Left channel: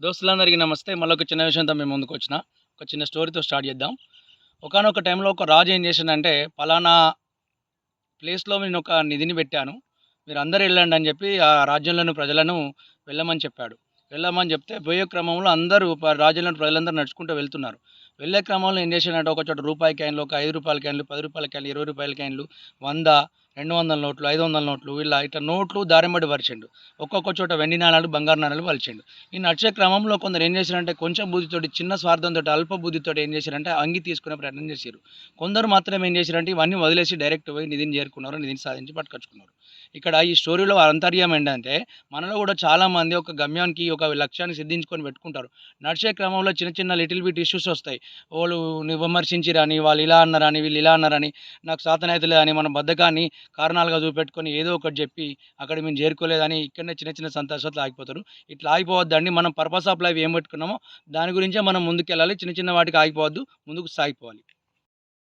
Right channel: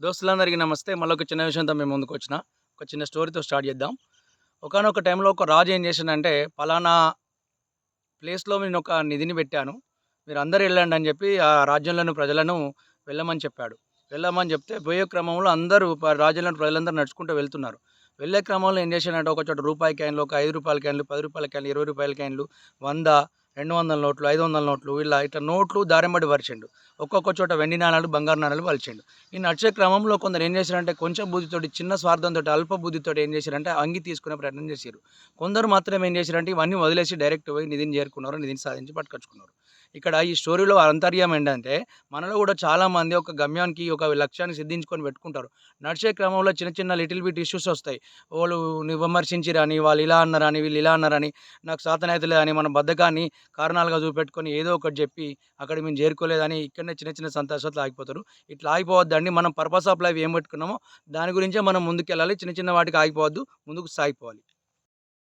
దోస్తులందరికీ నమస్తే. మళ్ళీ ఒక చిన్న విషయంతో మేము ముందుకు వచ్చిన ఒక చిన్న స్టోరీతో స్టార్ట్ చేద్దాం. ఒకానొక టైంలో ఒక రాజు ఏం చేసిందంటే పలానా ప్లేస్లో నేను ఒక నిధిని పెట్టాను. మీరు అందరూ వెళ్ళండి అని చెప్పి ఆ రాజ్యంలోని ప్రజలను వెళ్ళమని చెప్పాడు. వెళ్ళమని చెప్తే పోయే క్రమంలో అందరూ రాజ్యంలోని ప్రజలందరూ నడుచుకుంటూ వెళ్తున్నారు. వెళ్ళే క్రమంలో ఏం చేశాడంటే ఒక చోట రూపాయి క్యాన్లు ఒక ఐదు రూపాయల క్యాన్లు పది రూపాయల క్యాన్లు ఇరవై రూపాయల క్యాన్లు వంద రెండు వందల నోట్లు ఐదు వందల నోట్లు ఇలా ఇట్లా నోట్లు దారింబడి పరిచిండు ఒక్కొక్క చోట వెండి నాణాలు బంగారు నాణాలు పలిచిండు ఈ నడిచే క్రమంలో కొందరు ఏం చేశారంటే కొంచెం బుద్ధితోటి చిన్న స్వార్థంతో అల్ప బుద్ధితోటి ఏం చేశారంటే అంగి తీసుకునే ప్రయత్నం చేశారు. కొందరు మాత్రం ఏం చేశారంటే ఇవన్నీ వదిలేసి డైరెక్ట్ పోయి నిధిని చేరుకున్నారు నిధిని సాధించి పట్టుకొచ్చుకున్నారు. ఇక్కడ ఈ స్టోరీలో అంతర్యం ఏంటంటే మనలో కూడా చాలామంది ఒక గమ్యానికి ఒక లక్ష్యాన్ని సిద్ధించుకొని పెట్టుకుంటారు. నడిచే క్రమంలో చిన్న చిన్న లిటిల్ బిట్ ఇష్యూస్ వస్తాయి. వాళ్ళు విమర్శించిరని వాళ్ళు ఇలా అన్నారని వీళ్ళు ఇలా అన్నారని నాకు సాతనైతులే అని మన బద్ధకాన్ని కారణాలుగా చూపెట్టుకొని ఏదో ఒకటి చెప్పి అక్కడ మేము చేరుకోలేదని ఇక్కడనే చిన్న చిన్న సంతోషాలు ఆగిపోతారు. ఇట్లా ఆగిపోవద్దండి. మనం పర్పస్ ఆఫ్ లైఫ్ ఏం పెట్టుకున్నామో దాని గురించే మనం ముందుకు వెళ్ళాలి చిన్న చిన్న వాటికి ఆగిపోవద్దు. ముందుకు సాగిపోవాలి.